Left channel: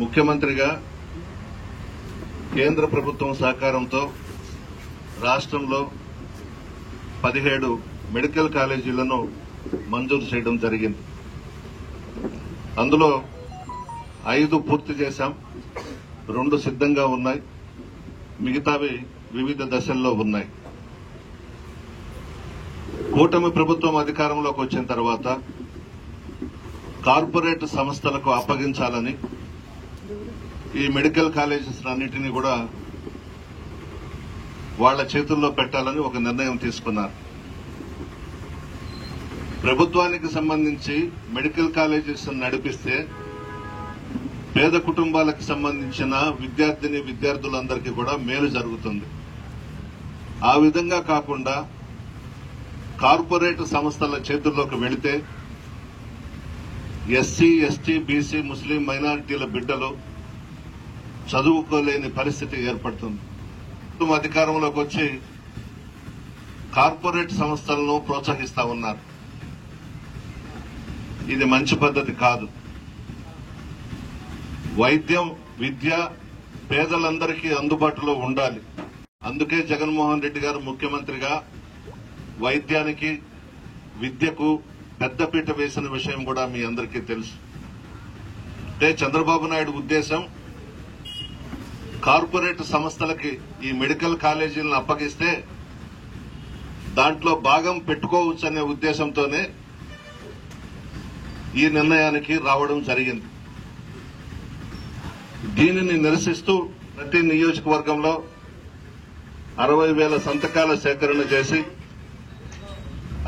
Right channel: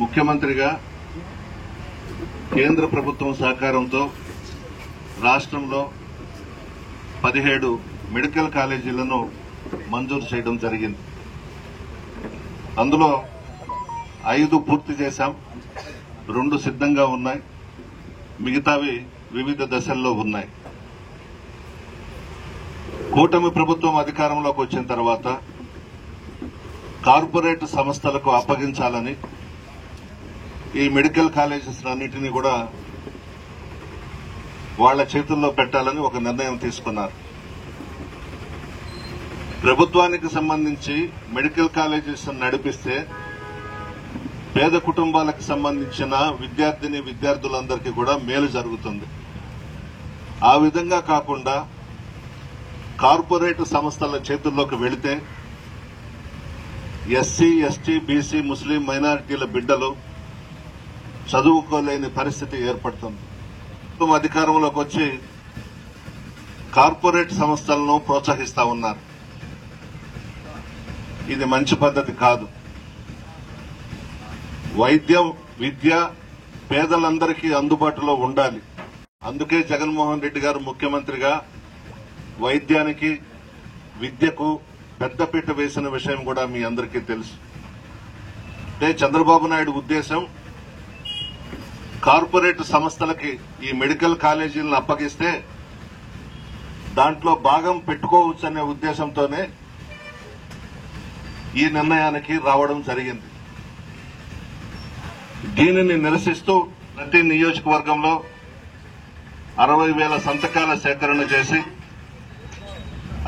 ముఖ్యమంత్రిగా కేంద్ర ప్రభుత్వం సహకారంతో రాష్ట్రంలో 17 మెడికల్ కాలేజీలను మంజూరు చేయడం జరిగింది. అందులో 5 పూర్తి చేశాం, 2 సిద్ధంగా ఉన్నాయి, మిగతావి వివిధ దశల్లో ఉన్నాయి. కూటమి ప్రభుత్వం అధికారంలోకి వచ్చిన తర్వాత కార్పొరేట్ సంస్థలకు అప్పగించాలని ఈ మెడికల్ కాలేజెస్ అన్నింటినీ కూడా వాళ్ల చేతుల్లో పెట్టాలని ఒక నిర్ణయం తీసుకున్నారు. ప్రభుత్వానికి సంబంధించి మెడికల్ కాలేజెస్ నడిపిస్తే పేద కుటుంబాలకు సంబంధించిన విద్యార్థులందరికీ కూడా మేలు జరుగుతుంది. ఆ విధంగా కాకుండా కార్పొరేట్ సంస్థల చేతుల్లోకి వెళితే ఎస్సీ, ఎస్టీ, బీసీ, ముస్లిం మైనారిటీల బిడ్డలు చదువుకోలేని పరిస్థితి ఏర్పడుతుంది. అధికారంలోకి వచ్చి కార్పొరేట్ సంస్థలను ప్రోత్సహిస్తా ఉన్నారు. ఇది మంచి పద్ధతి కాదు. వైద్యం, విద్య పేదలందరికీ అందుబాటులో ఉండాలి. అందుకే జగన్మోహన్ రెడ్డి గారు ముఖ్యమంత్రిగా వైద్యానికి, విద్యకు పెద్దపీట వేసిన విషయం కూడా మీ అందరికీ తెలుసు. అంటే చంద్రబాబు నాయుడు ఉద్దేశం కార్పొరేట్ సంస్థలకి ఈ మెడికల్ కాలేజీలను అప్పగిస్తే దాంట్లో భాగం పెట్టుకోవచ్చనే ఉద్దేశంతోనే ఈ నిర్ణయానికి రావడం జరిగింది. దీనిని నిరసిస్తూ ప్రతి నియోజకవర్గంలో 60,000 సంతకాల సేకరణ చేసి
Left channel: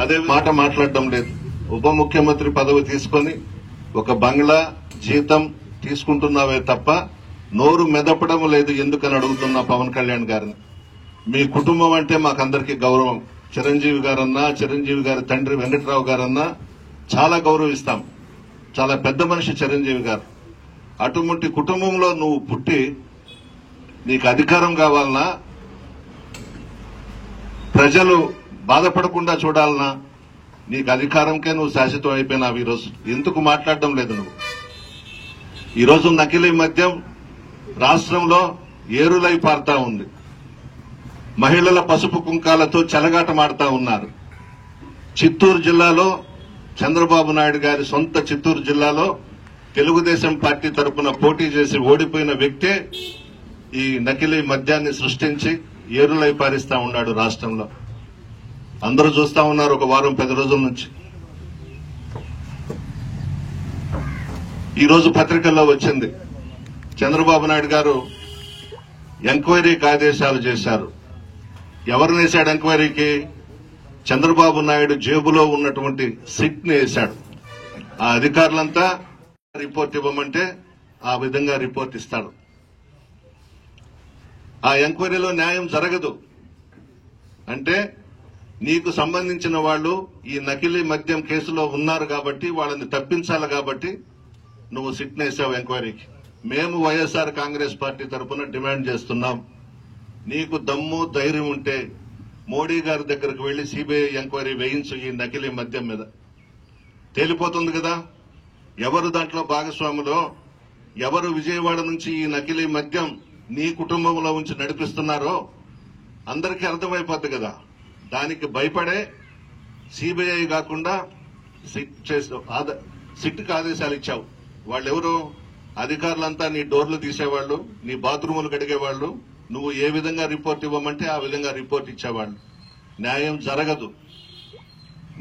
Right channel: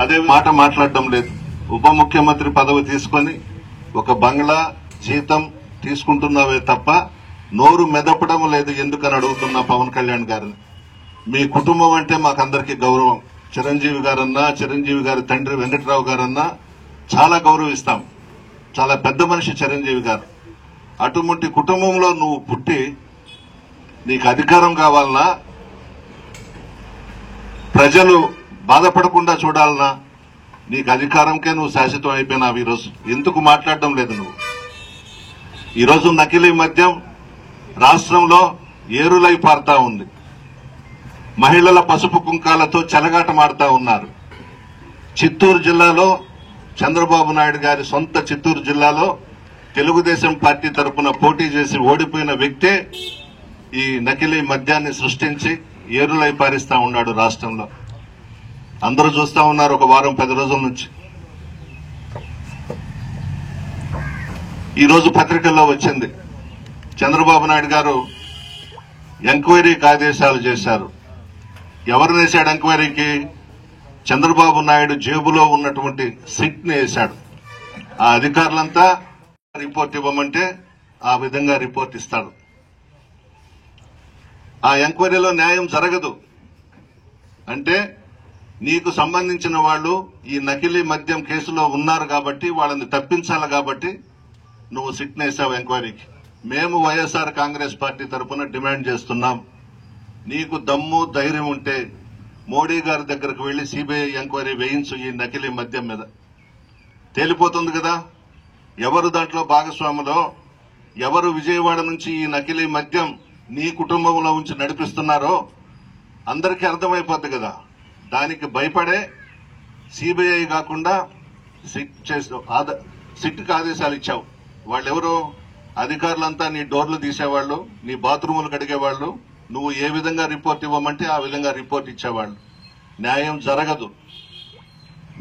అదే మాట మాట్లాడడం లేదు. ఉప ముఖ్యమంత్రి పదవి తీసుకుని ఒక బంగ్లా జీతం తీసుకుంటున్నావే తప్ప నోరు మెదపడం లేదు ఎందుకని అడుగుతున్నా పవన్ కళ్యాణ్ గారిని. మీ కుటుంబం అంటే మాకందరికీ గౌరవం. చిరంజీవి గారన్నా, చిరంజీవి గారి తండ్రి వెంకట్రావు గారన్నా చాలా గౌరవిస్తాం. చాలా పెద్ద మనిషి చిరంజీవి గారు. అటువంటి కుటుంబంలో నువ్వు పుట్టి నీకు అధికారం కావాలన్నా, ప్రజలు బాధపడకుండా చూడాలన్నా, నీకు అధికారంకే నువ్వు శాశ్వతం అయిపోయినావు. ఈరోజు ఎందుకు మాట్లాడడం లేదు నువ్వు? ఈరోజు నకిలీ మద్యం రాష్ట్రంలో ఏరులై పారుతా ఉంది. మహిళల పసుపు కుంకాలతో చెలగాటమాడుతా ఉన్నారు. చిత్తూరు జిల్లాలో చంద్రబాబు నాయుడు గారి సొంత చిత్తూరు జిల్లాలో తెలుగుదేశం పార్టీ తరఫున పోటీ చేసి ఓడిపోయిన వ్యక్తే ఈ నకిలీ మద్యాన్ని సృష్టించి ఏరులై పారిస్తా ఉన్నాడు రాష్ట్రంలో. అందరూ చూస్తా ఉన్నారు ఒక వారం 10 రోజుల నుంచి. ఈ రోజు పత్రికల్లో వచ్చింది, చంద్రబాబు నాయుడు గారు ఎంక్వైరీకి ఆదేశాలు చేశారు. ఎవరు వేశాడు ఎంక్వైరీకి? చంద్రబాబు నాయుడు జేబులో ఉన్నటువంటి సిట్ ని వేశాడు. ఆ అధికారులంతా రిపోర్ట్ ఇవ్వమంటే ఆ విధంగా రిపోర్ట్ ఇస్తాడు. ఆ ఎంక్వైరీలో న్యాయం జరగదు. అంటే నీకు సంబంధించిన వాళ్ళు ఈ నకిలీ మద్యం కేసులో ఉన్నారు కాబట్టి వాళ్ళని తప్పించాలి కాబట్టి నువ్వు సిట్ వేశావు ఎంక్వైరీకి. మేము వైఎస్ఆర్ కాంగ్రెస్ పార్టీ తరఫున డిమాండ్ చేస్తున్నాం, నీకు దమ్ము ధైర్యం ఉంటే మోడీ గారి దగ్గరకు వెళ్లి సిబిఐ ఎంక్వైరీ వేయించు. ఈ నకిలీ మద్యం మీద తేలిపోతుంది కదా ఎవరు దాంట్లో భాగస్వాములో, ఎవరు విజయవాడ నుంచి ఈ నకిలీ మద్యం నీ కుటుంబంలో ఉంచి నడిపిస్తున్నారో అందరికీ అర్థమైపోద్ది కదా. దానికి భయపడే సిబిఐ కాకుండా సిట్కు ఆదేశాలు ఇచ్చావు. వాళ్ళెవరో అధికారులంతా నీ డోర్లు తీసేవాళ్లు, నీ బాత్రూములు కడిగేవాళ్లు. నువ్వు ఏ విధంగా రిపోర్ట్ ఇవ్వమంటే ఆ విధంగా రిపోర్ట్ ఇచ్చేవాళ్లు. న్యాయం జరగదు.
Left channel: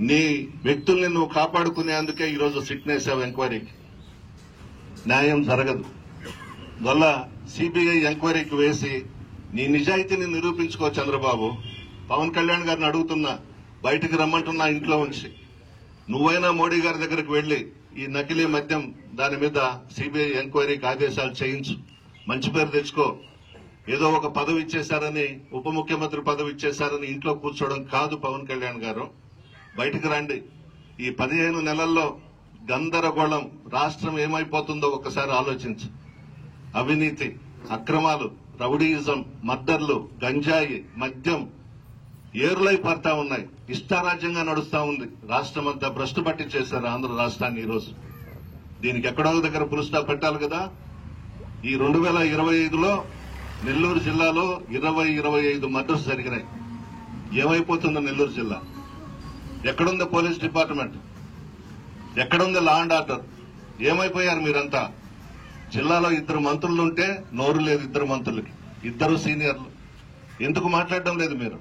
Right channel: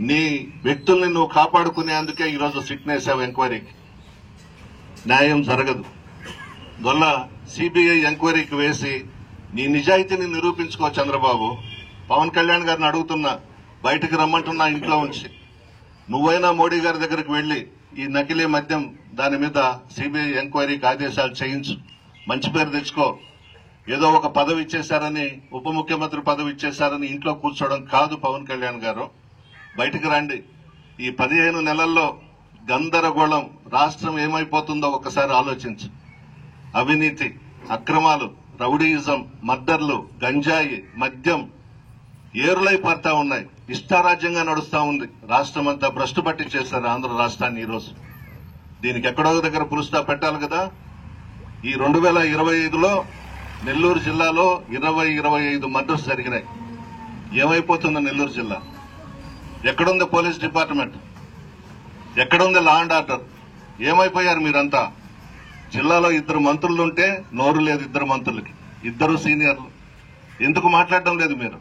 నీ వ్యక్తుల్ని నువ్వు కాపాడుకునేందుకే ఈరోజు సిట్ వేశావు ఎంక్వైరీకి. న్యాయం జరగదు. వల్ల సిబిఐ ఎంక్వైరీకి వేసి నీ నిజాయితీని నిరూపించుకో చంద్రబాబు. పవన్ కళ్యాణ్ గారిని అడుగుతున్నా, బయటికి రమ్మంటున్నా ఇంట్లో ఉంచి. నువ్వైనా మోడీ గారి దగ్గరికి వెళ్లి ఈ నకిలీ మద్యం దాని మీద సిబిఐ ఎంక్వైరీకి ఆదేశాలు చేయించు, మంచి పేరు తెచ్చుకో. ఏదో ఒక పదవి ఇచ్చేశారని, ఉప ముఖ్యమంత్రి పదవి ఇచ్చేశారని ఇంట్లో కూర్చోవడం కాదు పవన్ కళ్యాణ్ గారు. బయటికి రండి. ఈ 15 నెలల్లో గందరగోళం, రాష్ట్రం ఏమైపోతుందో ఒకసారి ఆలోచించు. అవినీతి, అక్రమాలు, రౌడీయిజం, మర్డర్లు, గంజాయి, మద్యం ఏరులై పారుతా ఉన్నాయి. ఇష్టారాజ్యంగా నడుస్తా ఉంది. రాష్ట్రం అంతా భ్రష్టు పట్టించేశారు ఆంధ్ర రాష్ట్రాన్ని. ఈరోజు దీనికి ఎక్కడో దగ్గర పులుస్తా పెట్టాలి కదా. ఈ 2025లో నెల్లూరు జిల్లాలో 25 మర్డర్స్ జరిగినాయి. ఏమైపోతుందో నెల్లూరు జిల్లా? ఎక్కడుంది పోలీస్ డిపార్ట్మెంట్? ఎక్కడుంది లా అండ్ ఆర్డర్? ఏమైపోయారు మీరంతా? జిల్లాలో 2 మంత్రులుంటే నోరు లేదు 2 మంత్రులకి, 2 సీనియర్లు. ఎందుకు మాట్లాడడం లేదు మీరు?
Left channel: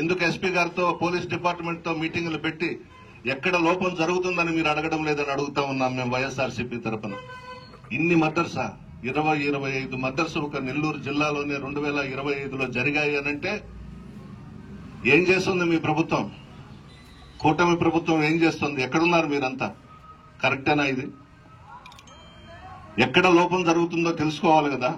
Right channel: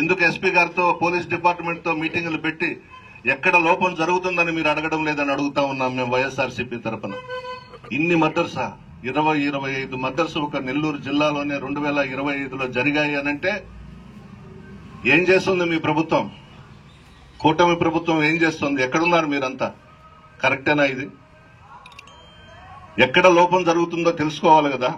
ఎందుకు ఎస్పీ గారితో పోలీస్ డిపార్ట్మెంట్ తో మీటింగులు పెట్టి ఎక్కడ లోపం జరుగుతుందని మీరు అడగడం లేదని అడుగుతా ఉన్నాం మేము వైఎస్ఆర్సీపీ తరఫున. ఇన్ని మర్డర్సా? 25 మర్డర్స్ ఒక నెల్లూరు జిల్లాలోనే 2025లో జరిగాయి అనంటే ఏం చేస్తుంది మీ ప్రభుత్వం? కూటమి ప్రభుత్వం ఏం చేస్తుంది? ఎక్కడున్నారు మీరంతా? కరెక్టేనా ఇది? ఎక్కడ లోపం జరుగుతుందో తెలుసుకోవాలి కదా.